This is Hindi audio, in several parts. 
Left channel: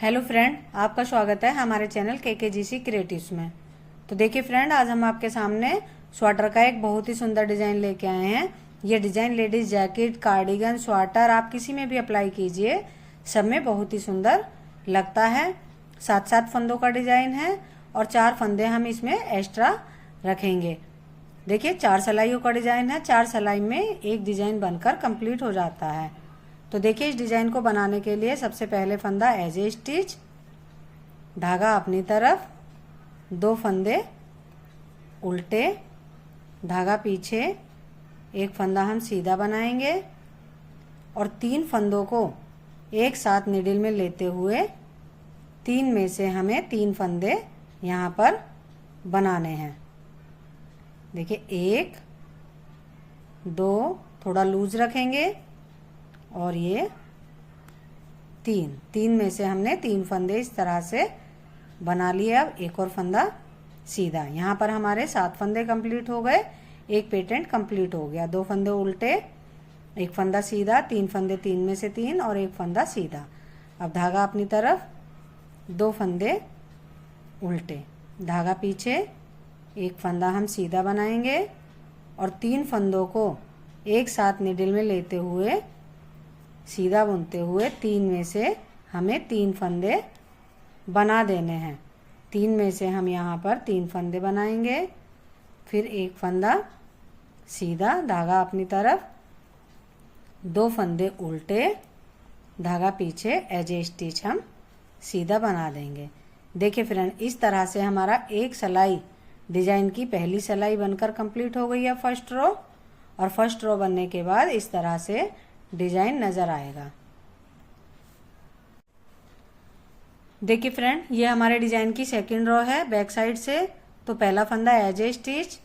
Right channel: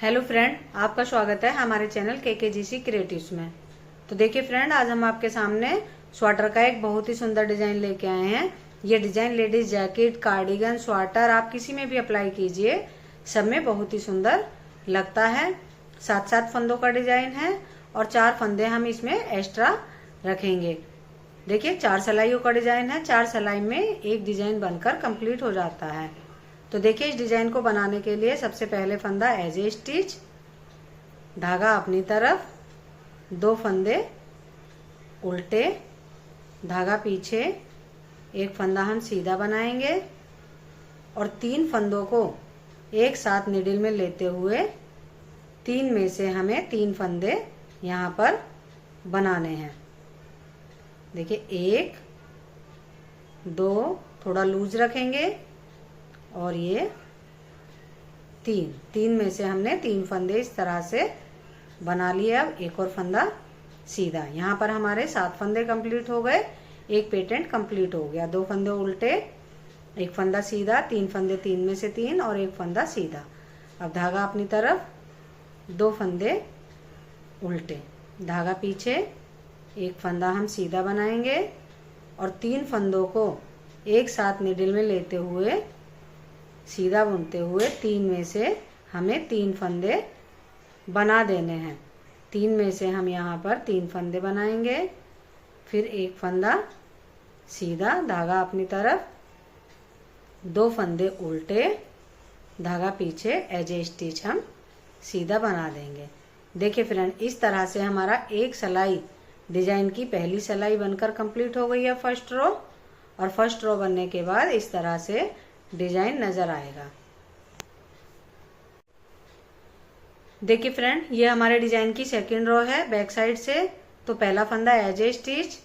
हेलो फ्रेंड, आपका स्वागत है हमारे चैनल केकेजीसी क्रिएटिव्स में। तो देखिए फ्रेंड, आज हम आपके सामने स्वेटर का एक बहुत ही सुंदर डिजाइन लेके आए हैं। ये design ladies jacket, cardigan, sweater आप किसी में भी अप्लाई कीजिए, सब में बहुत ही सुंदर लगता है। 7-7 फंदों का डिजाइन है और 4 फंदे हम इसमें एक्स्ट्रा रखेंगे। देखिए 4 सिलाइयों का डिजाइन है। 4 सिलाई में एक डिजाइन बनकर कंप्लीट हो जाता है। तो देखिए इस डिजाइन को बनाने के लिए सबसे पहले फंदा एज ए स्टिच, धागा अपनी तरफ, 2 फंदे उल्टे, धागा पीछे, एक फंदा हम सीधा बनाएंगे और 3 फंदों को एक साथ निडिल में लेते हुए 3 में से हमें 3 फंदे यहाँ पर बनाने हैं। देखिए 1, 2, थोड़ा लूज रखेंगे और ये 3 में से हमने 3 फंदे इस तरह से बना लिए। अब एक और फंदा सीधा। यहाँ पर हमारे 7 फंदे कंप्लीट हो गए, एक पेटेंट कंप्लीट हो गया। 2 फंदे उल्टे, एक फंदा सीधा, 3 फंदे 3 में से 3 और एक फंदा सीधा। अब धागा अपनी तरफ, 2 फंदे उल्टे, धागा पीछे, एक फंदा हम सीधा बनाएंगे और 3 फंदों को एक साथ निडिल में लेते हुए सीधा बुनते हुए 3 में से हमें 3 फंदे बना देने हैं। 3 में से हम यहाँ पर 3 फंदे बनाएंगे, फिर एक फंदा सीधा, धागा अपनी तरफ, 2 फंदे उल्टे, धागा पीछे, एज ए स्टिच हम सीधा बना देंगे। देखिए फ्रेंड, इस तरह से हमारा एक सिलाई डिजाइन की पहली सिलाई बनकर कंप्लीट हो गई है फर्स्ट रो। और फर्स्ट रो बनने के बाद इस तरह से डिजाइन नजर आएगा। देखिए फ्रेंड, ये हमारे डिजाइन की सेकंड रो है बैक साइड से। तो पहला फंदा एज ए स्टिच,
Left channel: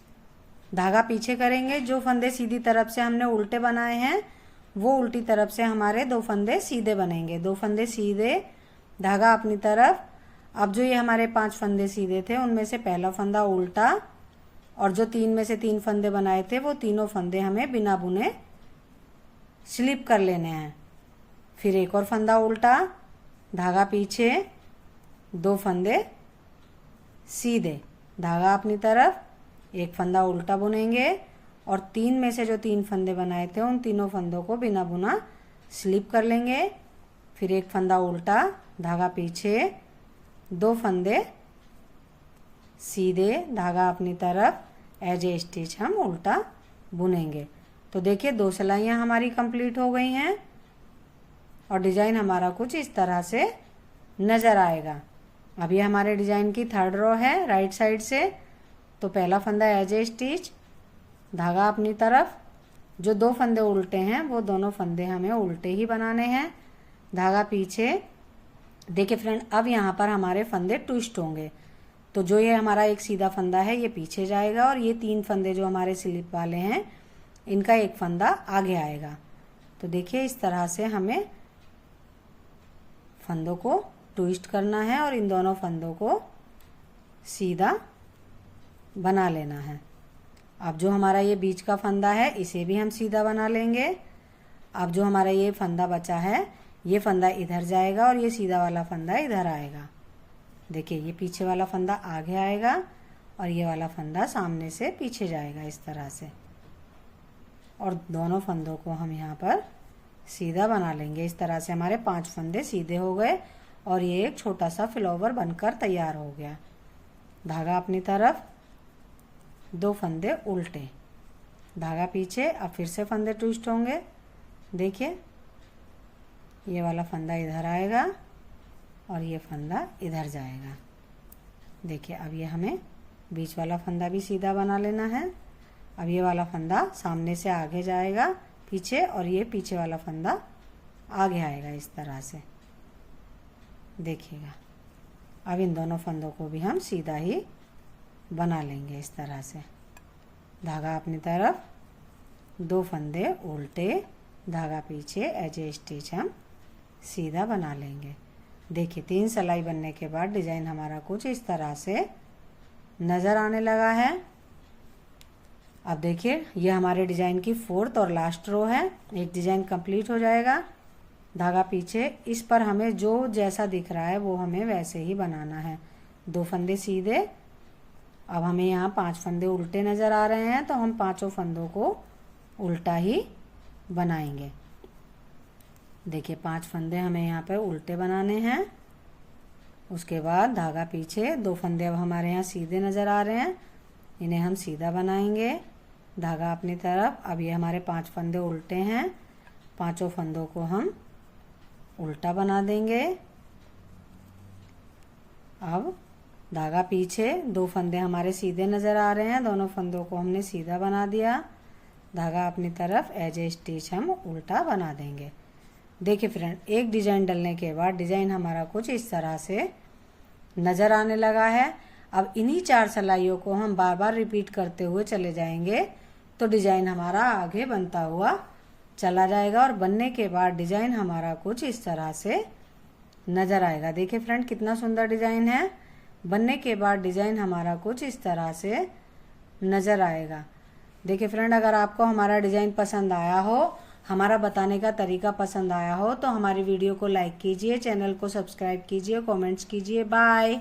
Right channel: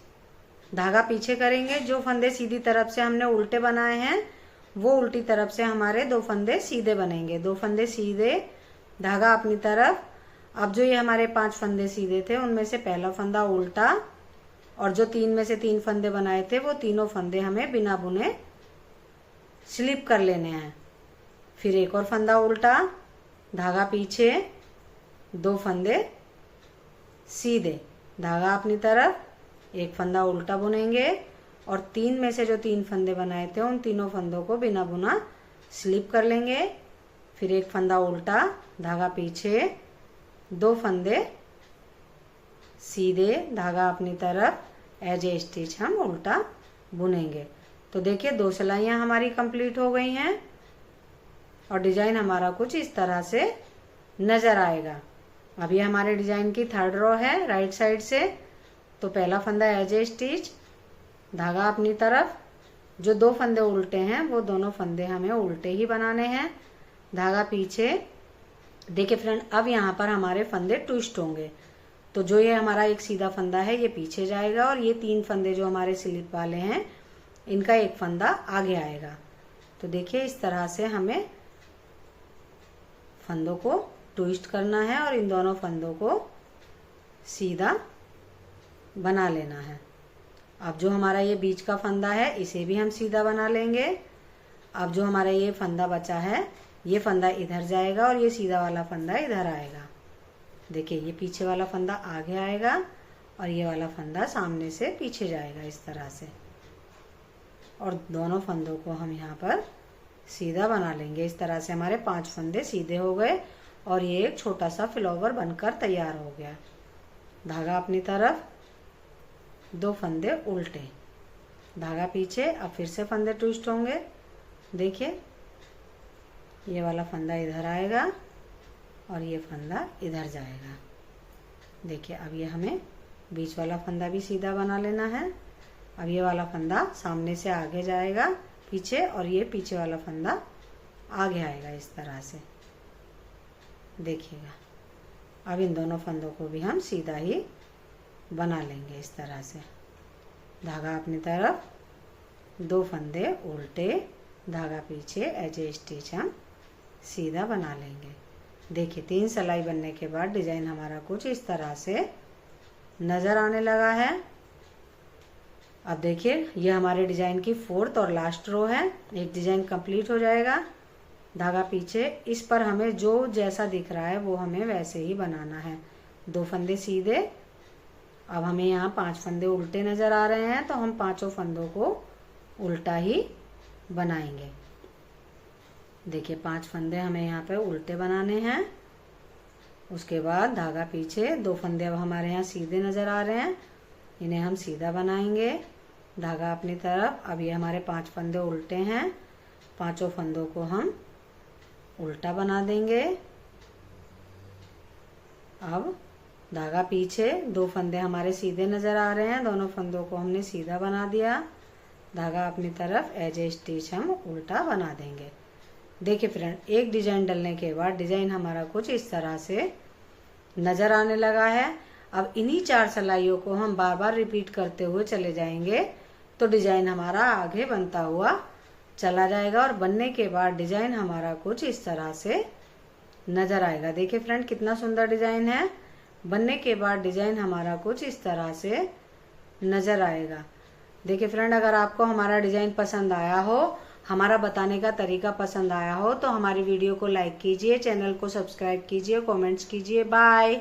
धागा पीछे करेंगे। जो फंदे सीधी तरफ से हमने उल्टे बनाए हैं वो उल्टी तरफ से हमारे 2 फंदे सीधे बनेंगे। 2 फंदे सीधे, धागा अपनी तरफ। अब जो ये हमारे 5 फंदे सीधे थे उनमें से पहला फंदा उल्टा और जो 3 में से 3 फंदे बनाए थे वो तीनों फंदे हमें बिना बुने स्लिप कर लेने हैं। फिर एक और फंदा उल्टा, धागा पीछे, 2 फंदे सीधे, धागा अपनी तरफ, एक फंदा उल्टा बुनेंगे और 3 में से जो 3 फंदे बनाए थे उन तीनों फंदों को बिना बुना स्लिप कर लेंगे। फिर एक फंदा उल्टा, धागा पीछे, 2 फंदे सीधे, धागा अपनी तरफ, एज ए स्टिच हम उल्टा बुनेंगे। तो देखिए 2 सिलाइयाँ हमारी कंप्लीट हो गई हैं और डिजाइन हमारा कुछ इस तरह से नजर आएगा। अब ये हमारे डिजाइन की थर्ड रो है राइट साइड से। तो पहला फंदा एज ए स्टिच, धागा अपनी तरफ, जो 2 फंदे उल्टे हैं वो दोनों फंदे हमें उल्टे ही बनाने हैं, धागा पीछे। देखिए फ्रेंड, अब यहाँ पर हमारे फंदे ट्विस्ट होंगे। तो जो ये हमारा एक सीधा फंदा है ये पीछे जाएगा और ये 3 फंदे जो हमारे स्लिप वाले हैं इनका एक फंदा आगे आएगा। तो देखिए इस तरह से हमें फंदों को ट्विस्ट करना है और इन दोनों फंदों को सीधा बना लेना है। अब जो हमारा ये बीच का फंदा है इसे भी हम सीधा बना लेंगे। अब जो हमारा ये फंदा बचा है ये फंदा इधर जाएगा और ये सीधा वाला फंदा इधर आएगा। देखिए ये पीछे वाला फंदा आगे आएगा और ये वाला फंदा सामने से पीछे जाएगा इस तरह से। और दोनों फंदों को हम यहाँ पर सीधा बना लेंगे। इस तरह से हमारे 5 फंदे सीधे हो गए और ये एक छोटा सा फ्लावर बनकर तैयार हो गया। धागा अपनी तरफ, 2 फंदे उल्टे, धागा पीछे। अब फिर से फंदे ट्विस्ट होंगे। देखिए ये वाला फंदा इधर आएगा और ये फंदा इधर जाएगा। देखिए अब ये हमें बीच वाला फंदा भी सीधा बना लेना है। अब ये वाला फंदा सामने से आगे जाएगा पीछे और ये पीछे वाला फंदा आगे आएगा इस तरह से। देखिएगा अब इन दोनों फंदों को भी हम सीधा ही बना लेंगे इस तरह से। धागा अपनी तरफ, 2 फंदे उल्टे, धागा पीछे, एज ए स्टिच हम सीधा बना लेंगे। देखिए 3 सिलाई बनने के बाद डिजाइन हमारा कुछ इस तरह से नजर आने लगा है। अब देखिए ये हमारे डिजाइन की 4th और लास्ट रो है। एक डिजाइन कंप्लीट हो जाएगा। धागा पीछे, इस पर हमें जो जैसा दिख रहा है वो हमें वैसे ही बनाना है। 2 फंदे सीधे। अब हमें यहाँ 5 फंदे उल्टे नजर आ रहे हैं, तो हम 5 फंदों को उल्टा ही बनाएंगे। देखिए 5 फंदे हमें यहाँ पे उल्टे बनाने हैं। उसके बाद धागा पीछे, 2 फंदे अब हमारे यहाँ सीधे नजर आ रहे हैं, इन्हें हम सीधा बनाएंगे। धागा अपनी तरफ। अब ये हमारे 5 फंदे उल्टे हैं, 5 फंदों को हम उल्टा बना देंगे। अब धागा पीछे, 2 फंदे हमारे सीधे नजर आ रहे हैं, दोनों फंदों को हमने सीधा बना दिया। धागा अपनी तरफ, एज ए स्टिच हम उल्टा बना देंगे। देखिए फ्रेंड, एक डिजाइन डलने के बाद डिजाइन हमारा कुछ इस तरह से नजर आने लगा है। अब इन्हीं 4 सिलाइयों को हम बार बार रिपीट करते हुए चले जाएंगे, तो डिजाइन हमारा आगे बनता हुआ चला जाएगा और बनने के बाद डिजाइन हमारा कुछ इस तरह से नजर आएगा। देखिए फ्रेंड, कितना सुंदर डिजाइन है। बनने के बाद डिजाइन हमारा कुछ इस तरह से नजर आएगा। देखिए फ्रेंड, अगर आपको हमारा डिजाइन पसंद आया हो, हमारा बताने का तरीका पसंद आया हो, तो हमारी वीडियो को लाइक कीजिए, चैनल को सब्सक्राइब कीजिए, कमेंट्स कीजिए। बाय।